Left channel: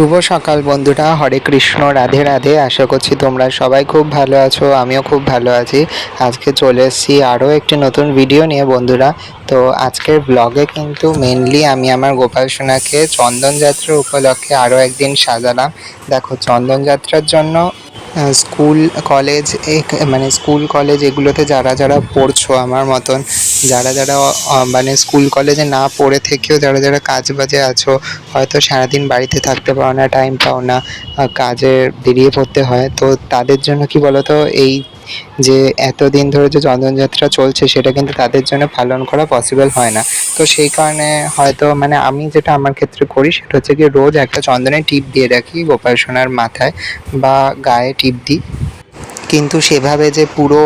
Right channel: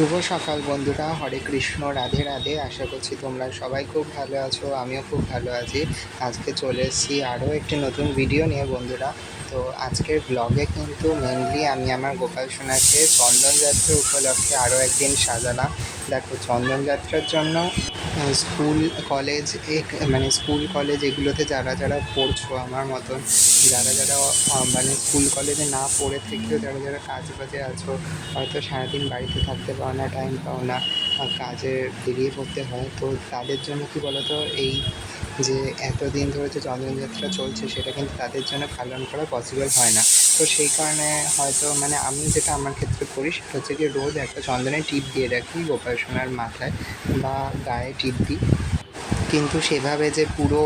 শুভ সকাল বন্ধুরা, হরে কৃষ্ণ, রাধে রাধে, আশা করছি তোমরা সবাই খুব ভালো আছো, আমিও খুব ভালো আছি। আজকে চলে এসেছি আরও একটি নতুন ভিডিও নিয়ে বন্ধুরা। তো আজকের ব্লগে কিন্তু মেনলি আমি আমার গোপাল সোনাকে চন্দন যাত্রা উপলক্ষে আরও একদিন সাজালাম। দেখো চন্দনযাত্রার জন্য স্কুল কলেজ মানে স্কুল কলেজ এগুলোতে যারা যারা পড়ছো আমার মতন যারা যারা মানে স্কুল কলেজে না পড়ে থেকেও যারা যারা কাজ বাজে আছো, হয়তো সারাদিন বাড়িতে থাকতে পারো না টাইম পাও না কাজে বেরিয়ে পড়তে হয়। তো তাদের জন্য কি বলতো, এই যে এতদিন ধরে যে চন্দনযাত্রা চলছে, সেটা কিন্তু তাদের জন্য পালন করা পসিবল হয় না। তো সেই কারণে হয়তো মানে আমি যেটা আমার ক্ষেত্রে করি, সেটা হচ্ছে কি রোজ একটা চন্দনের টিপ দিয়ে রাখি, গোপাল সোনার মাথায় বা গায়ে টিপ দিই। কিন্তু সেভাবে যে পুরো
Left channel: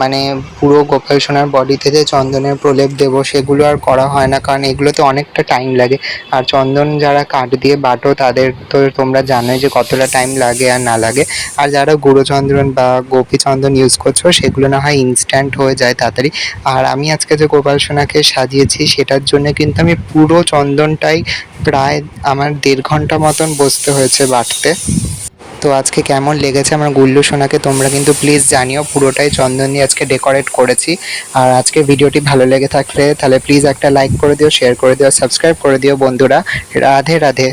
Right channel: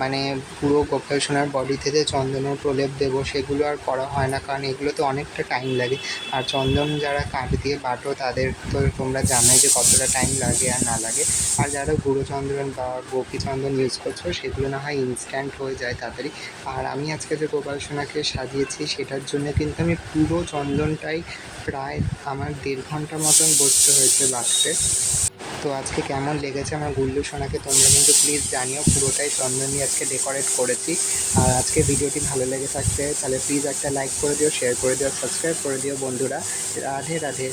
মানে পুরো গোপাল সোনার বডিতে যে চন্দনের প্রলেপ দেবো সেগুলো আর করা হয় না। কারণ এগুলোতে অনেকটা টাইম লাগে। আর চন্দন যারা কাঠ দিয়ে বাটো, তাদের তো তোমরা জানোই যে কতটা টাইম লাগে আর না লাগে। আর যারা গুঁড়ো চন্দন বা গোপী চন্দন ইউজ করছ, সেগুলো না হয় ইনস্ট্যান্ট হয়ে যায় তাড়াতাড়ি। আর আমি আজকে যে গোপাল সোনাকে সাজিয়েছি, সেটার জন্য কিন্তু আমি পুরো চন্দনটাই প্রায় আমার দেড় ঘণ্টা মতন বসতে হয়েছে বাটতে। তো আজকে কেমন লেগেছে আমার গুল্লু সোনাকে তোমরা কিন্তু প্লিজ জানিও। পুরোটাই চন্দন দিয়ে আজকে ডেকোরেট করেছি। আর আজকে ভিডিওটি ভালো লেগে থাকলে তাহলে প্লিজ একটা লাইক করে দিও শেয়ার করে দিও সাবস্ক্রাইব করে দিও বন্ধুরা। রাধে রাধে।